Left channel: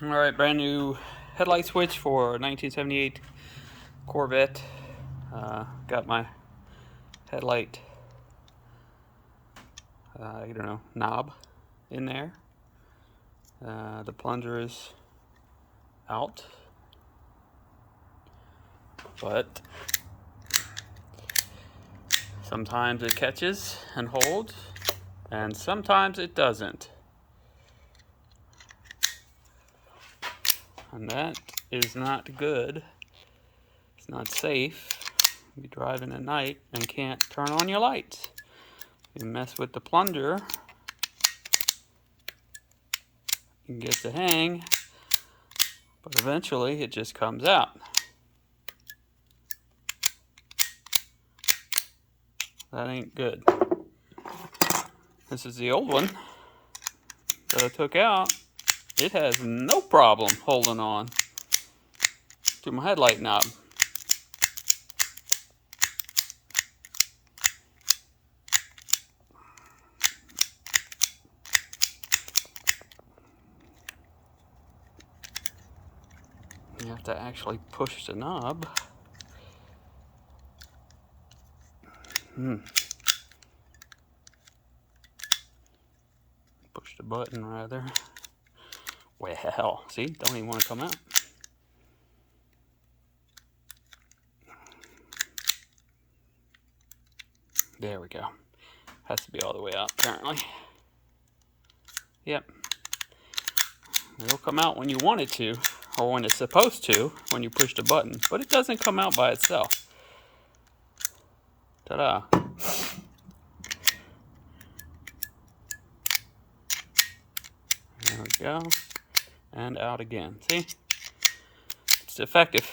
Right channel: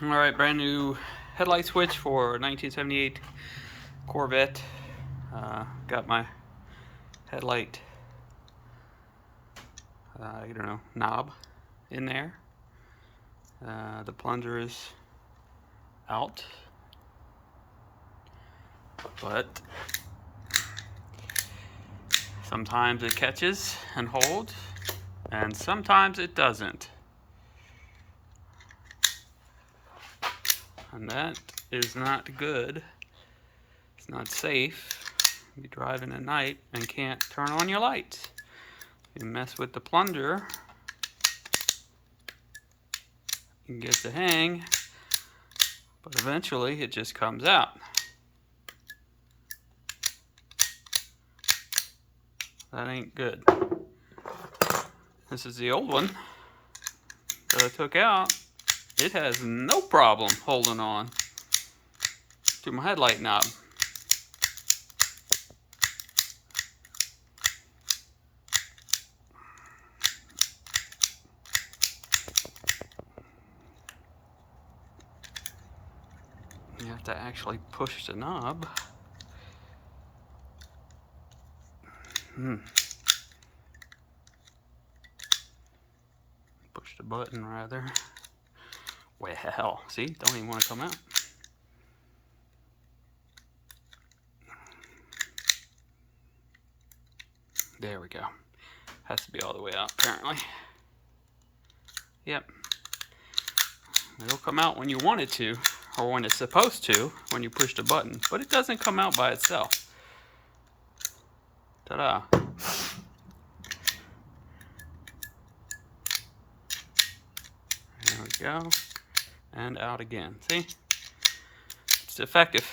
Alright, brand new headlight switch for 1978 Corvette. Got my headlight, knob in there. The plunger is out, but sometimes it catches and holds, and sometimes it doesn't. And that is not good. It's not safe. You're driving at night and can't turn on your lights. You mess with the plunger, you can get the hang, but eventually it just comes out. That ain't good. This is the old one that I took out. It has no problem holding on to my headlight knob. You have to actually push the knob. Push the button, rather. Well, see, don't even want to come out. There we go. Has to be all the way out, apparently. Yep. It'll come out when you want it to, or when it's supposed to, when you push the button, but it doesn't come out by itself. Ta-da. There we go. And out again. See? It's defective.